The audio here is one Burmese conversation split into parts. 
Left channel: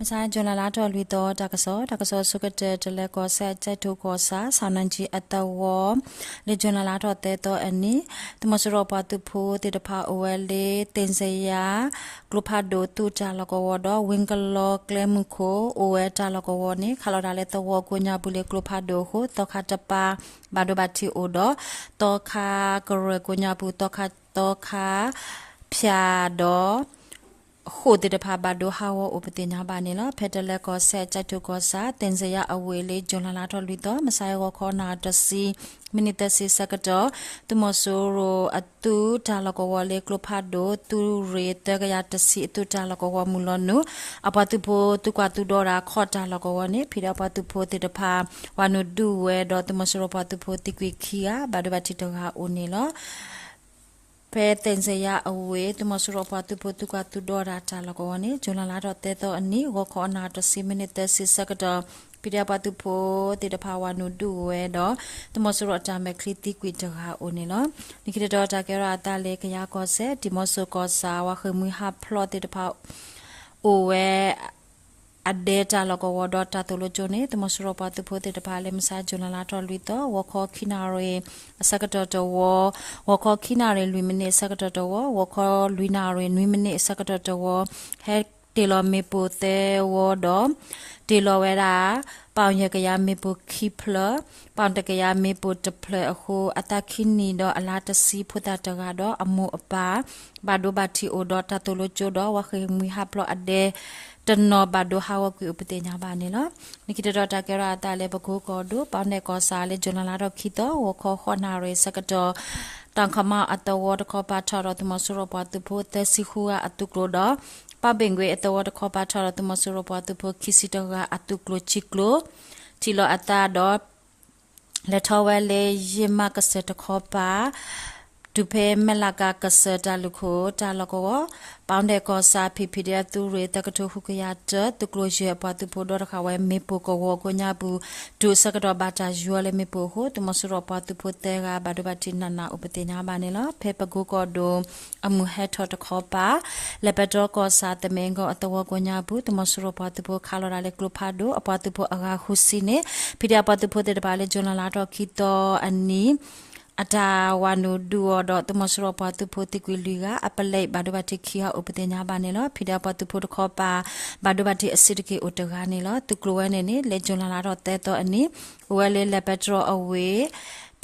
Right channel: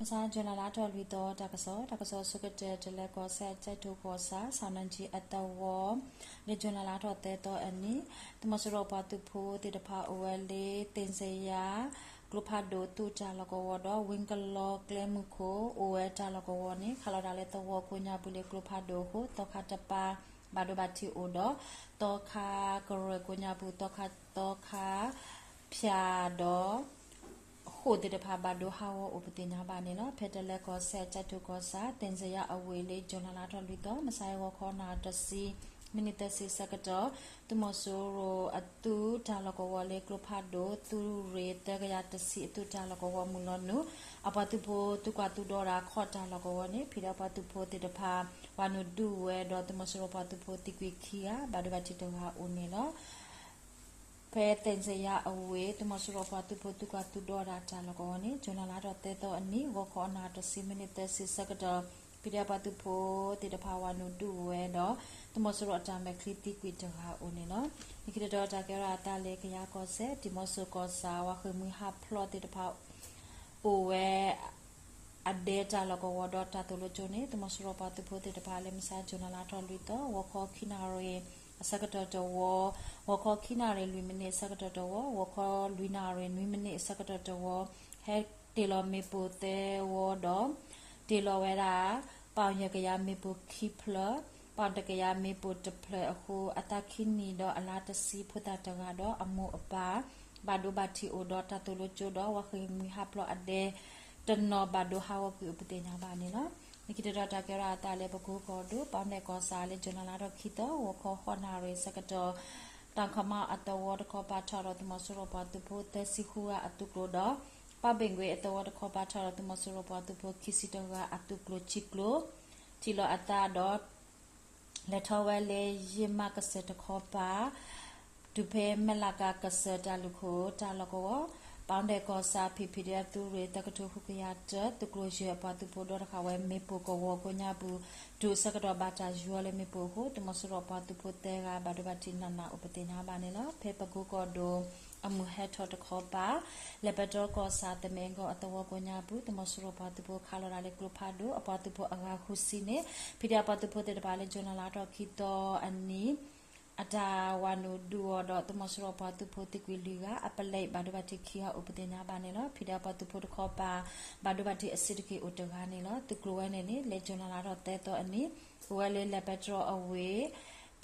မဆိုင်ဂျွန်လာလာတော်လူတော်တကဆောစုကတဲ့တလက်ကောဆက်ချက်ထိုကောစာဆောင်းနန်ကြီးအတဝလေဂျွန်လာလာတော်တဲ့တော့အနီတမစရောပါတူဖိုတေတဖာအိုဝဲလေးတင်စရာဂလုဖာဒိုတူချာလကောဝတော့ဝင်းကလောကလမှုခိုအိုဝဲချာလကောဝနေခလာတာလေတော့ကိုညာဘူးလေဂလုဖာဒိုဟိုတော့ခါတပါဘာဒိုဘတ်တီအိုတော့တော့ခါကရကိုညာဘူးတော့ခါဖြာတော့ဟိုတေတဖာဘဒိုဟာဝဥပတိညာပါနေလားဖက်တလက်ကောဆက်ကြိုက်ထုကောစာတင်စရအဝေးလေးဂျွန်လာလာတော်လူတော့မဆိုင်ရောခေါနာတစီမိနစ်တစီစကတော့သူမဆိုးရိုအတူဒါလကောဝလေကလဖာဒိုသူရေတကရတစီအတူဒါလကောဝမူလနုအပတူဖိုသူကတူဒေါ်ရာခေါ်ဒါလကောဝနေဖိရပတူဖိုတေတဖာဝနုဒူဝဲတော့သူမဆိုးရိုပတူဖိုတိကွေခီယာဘဒဘတိတောဟာဦးနေလားဖဲတင်စရအဝေးတမစရပတူပတူကတူဒေါ်ရာချလကောနေဂျွန်လာလာတော့တဲတော့အနီဝခေါ်နာတစီမိနစ်တစီစကတော့ပိရပတူဖိုတေတဖာဝနုဒူဝဲတော့တမစရအတမဲခလီတီကွီတဟာအိုနေလောဒီကတော်တာကရတာလေခရကောဆက်ဒီမဆူကောစာဝခမွေဟာဖလော့တေတဖာအိုဝဲအဒေတာလကောဝဒတာတလိုဂျိုနေတမစရပတူဖိုတေတဖာလေမစာဂျွန်လာလာတော့လူတော့ဝခေါ်ခိနာရေစကတော်တော်ဝခေါ်ခိနာရေလူမနေစကတော်တော်ဝခေါ်လူနာရေနွေမနေစကတော်တော်ဟဲတေလောမေပိုတေဝတော့တေလောဝဲတာပေါင်ရကရမေပိုခိဖလပေါင်တကရမေပိုတဖလအခုအတခိနီတော့အလာတစီဖုတာတကတော့အမှုအပါဘာဒိုဘတ်တီအိုတော့တတလိုချိုတော့ဝခေမီဟာပလအဒေတနောဘဒိုဟာဝကွေဥပတေညာပါနေလောနိကိတတော်တာကရတာလေပကိုကောဒိုပေါနေကောစာလေဂျွန်လာတော့ခိတော့ဝခေါ်ခေါနာရေစကတော်တန်ခမအတဝတ်ခေါ်ပါချတော့တမဆရပတူဖို့တစီခူအတုကလိုတော့ပဘင်ကွေအတဝတ်ခေါ်ပါချတော့တမဆရပတူဖို့ခိစီတော့အတုကလိုချီကလိုတီလိုအတာတော့လက်ထောဝဲလေယမကစတခေါ်ပါဒုဖေမလကကစတလူခိုတာလကောပေါင်းတဲ့ကောစာဖိဖိတဲ့သူတွေတကထုခုကရတတုကလိုရပတူပိုဒေါ်ခဝဲမေပိုကောကိုညာဘူးဒုစကတော့ဘာတာယူလေမေပိုဟိုတမစရပတူပိုတဲကဘာဒဘတိနနာဥပတိညာပါနေလားဖေပကူကောဒိုအမှုဟက်ထော်တခေါ်ပါလက်ပတော်ကောစာတမင်ကောအတဝကိုညာဘူးတမစရပတူပိုခါလော်ရလေကလဖာဒိုအပတူပိုအဂါခုစီနေဖိတဲ့ပတူပိုတဲ့ပါလေဂျွန်လာတော့ခီတော့အနီအတာဝနုဒူတော့တမစရပတူဖိုတိကွေလီကအပလိဘာဒဘတိခီဟာဥပဒေညာပါနေလောဖိဒပတူဖိုတခောပါဘာဒဘတိအစစ်ကေဥတကနေလောသူကလိုဝဲနေနေလေဂျွန်လာတော့တဲတော့အနီဝဲလေလက်ပက်ထရအဝေး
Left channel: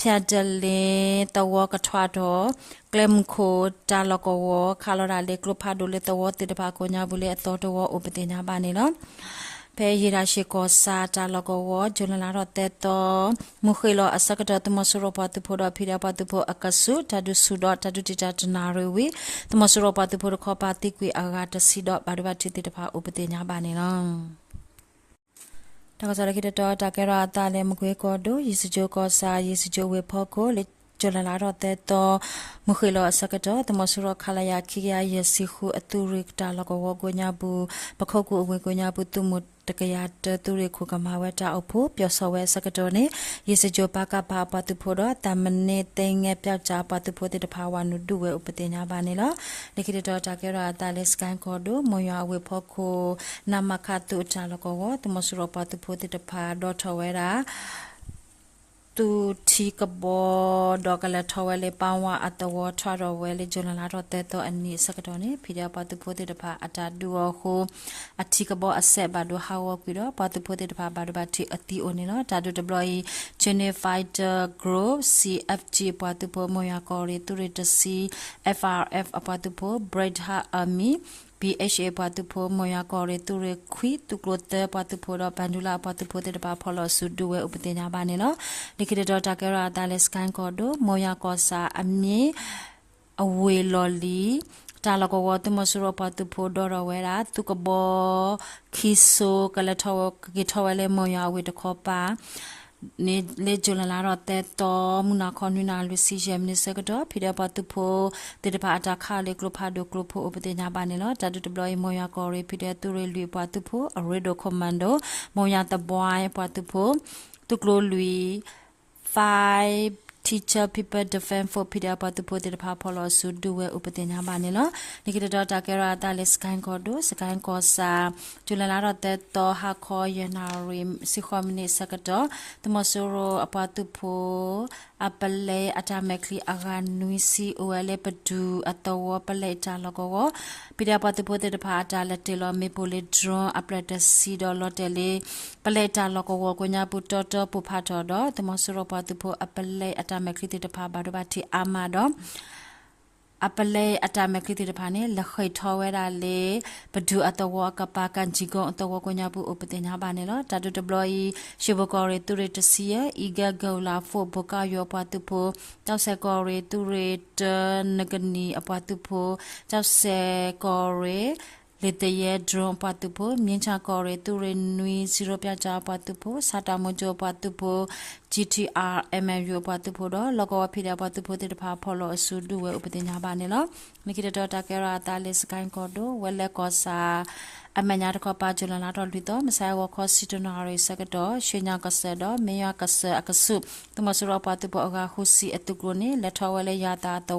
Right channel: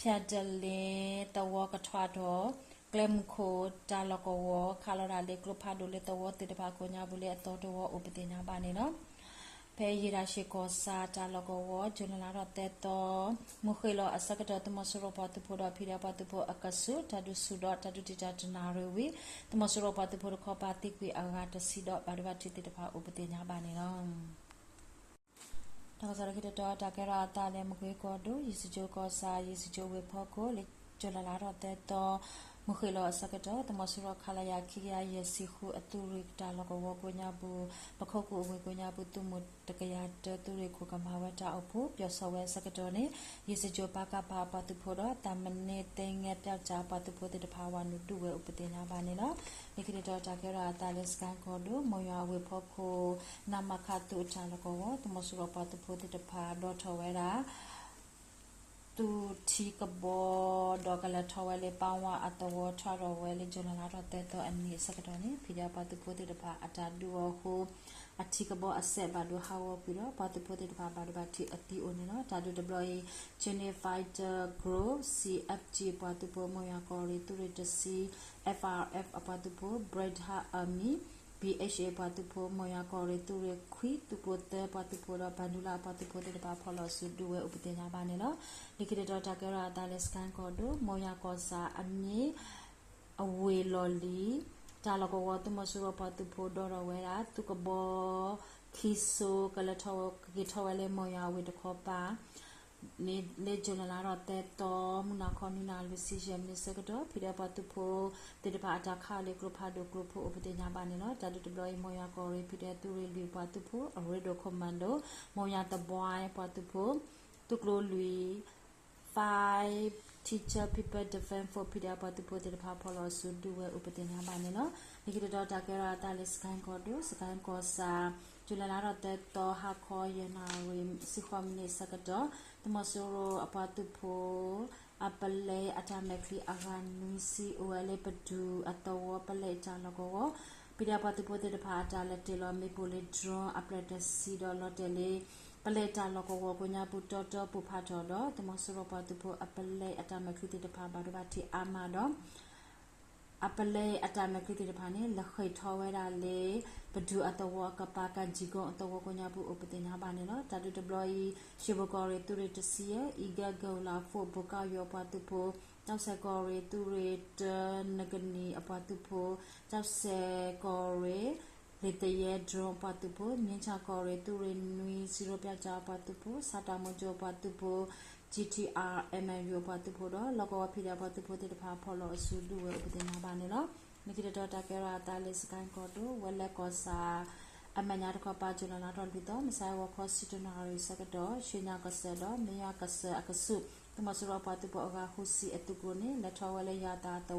ဖြတ်တလင်းတဝကထွားတော့ကလမ်ခိုတာလကောဝခါလရာလေကလဖာဒိုလေတဝတေတပါကိုညာဘူးလေအတော်တော်ဥပဒေညာပါနေလောဖဲရရရှိကောစာတာလကောဝဂျွန်လာတော့တဲတော့မူခေလောအစကတတမဆရပတူဖိုတော့ဖိရပတူဖိုအကဆုတဒုဆုတော့တဒုတိတတနာရဝီတမဆရပတူဖိုခောပါတိကွေအာဂတစီတော့ဘာဒဘတိတိတဖာဥပဒေညာပါနေလောတကစားရခိတတော့တကရတာလေမကွေကောဒိုယေစဂျိုကောစာယေစဂျိုဝေဖောကိုလေဂျွန်လာတော့တဲတော့မခေလောအစကတော့တမဆရခလာယာခိယာယေစီခုအတူရိကတာလကောဝကိုညာဘူးပခောက်ကိုအဝေကိုညာဘူးသူမတကရတသူရိခုကမဝဲတာအဖို့ပြောစောဝဲစကတော့နေယေစဂျိုပါကပါပတူဖို့တော့တမနေတင်ငယ်ပြောက်ကြပတူဖို့တဲ့တဖာဝနုဒုဝဲဥပတင်ညာပါနေလောဒီကိတော့တာကရတာလေစကန်ကောဒိုမယဝေဖောကိုနမခတုချာလကောဝတမဆရပတူဖို့တဲ့တဖာတော့ထဝဲတာတူတီကဘောဒေါကလထဝဲလေပဝအတဝထရဝဲလေဂျွန်လာတော့တဲတော့အနိစကတော့နေဖိရပတူဖိုတေတဖာအတာဒူဟိုအတီကဘောအဆက်ဘာဒူဟာဝပြီးတော့ပတူဖိုတေတဖာဘာဒဘတီအတီအိုနေနော်ဒါဒူဒပလိုယီဂျနီဖိုက်တာဂရိုး CFG ပတူဖိုမယာကောရီတူရတစီ FRF အပတူဖိုဘရိတ်ဟာအမီBHA ပတူဖိုမယာကောရီတူရခွီတူကလိုတဲပတူဖိုတော့ဘန်ဒူလာပတူဖိုတေတပါဖော်လို့စုဒူဝဲဥပဒေညာပါနေနော်ဒီကိတော့တာကရတာလက်စကန်ကောဒိုမယာကောစာအမြေအဝေလော်လီတာလကောဝတ်မဆရပတူဖိုဒေါ်ရဝဲတာသူကဘောခီဆိုကလထောကေထောဝဲလေမယာဝေတခောပါနေလေဂျွန်လာတော့တဲတော်မူနာခွန်နူနာလူစီဂျမ်နေစကတော့ဖိရပတူဖိုတေတပါအတာခါလေကလဖာဒိုကလဖိုဥပဒေညာပါနေလို့တာတူတဘလမယာကောရီဖိတဲ့သူရလူပတူဖိုအရီဒိုကွန်မန်ဒိုမယာတဘွိုင်းပတူဖိုတူကလိုလူ5 teacher people defend for pida patu po de pa polo su duwe upatenya ba ne lo nikita dota kera ta le skan ko do skan ko sa julala ro te to ha kho yenari si khomini sakato tomosoro apatu po apale atamekli aganuisi uele padu atawo pale talogo pida patu po de pa ta le telo me pole dron aplete si do lotele pale talogo ko nya pu toto pu pha to do tomosoro patu po apale atamekli de pa ba do ba ti amado apale atamekli de pa ne la khoi thawe da le padu atawo ka pa kan ji go atawo ko nya pu upatenya ba ne lo ta do deploy shibokore tu re tsia iga gola fo boka yo patu po taw se kore tu re nagani apatu po taw se kore le te ye drone patu po mincha kore tu re nui 0 pya cha patu po sata mojo patu po GTR MMU patu po do logo phida patu po te pha pholo asu du we upatenya ba ne lo nikita dota kera ta le sky ko do wele ko sa amanya ko pa julana do lito masai wo ko sitonari sakato shenya kasado meya kasa akasu tumasura patu po aga husi etugroni letawale yata to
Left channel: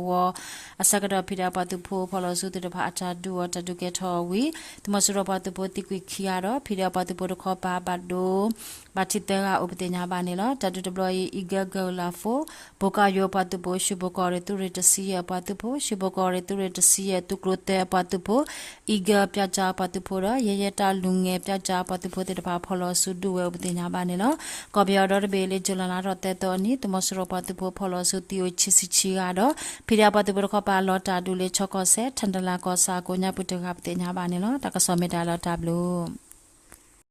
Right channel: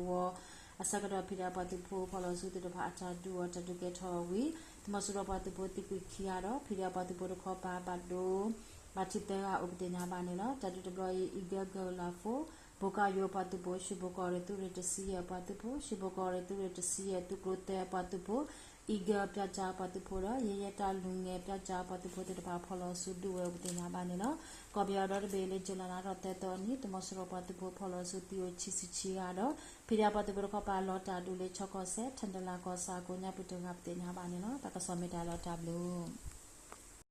asakada phida patu po pholo su te pha acha du ta du ke tho wi tumasura patu po tikwi khiaro phida patu po ko pa ba do batitega upatenya ba ne lo tatu deploy iga gola fo boka yo patu po shibokore tu retasiya patu po shibokore tu retasiya tu krote patu po iga pyacha patu po ra yeyeta lunge pyacha patu po te ba pholo su du we upatenya ba ne lo ko bya do be le julana ro te to ni tumasuro patu po pholo su ti o chisi chi ga do phida patu po ko pa lo ta du le choko se thandala ko sa ko nya putu ga upatenya ba ne lo ta ka so me da lo ta blu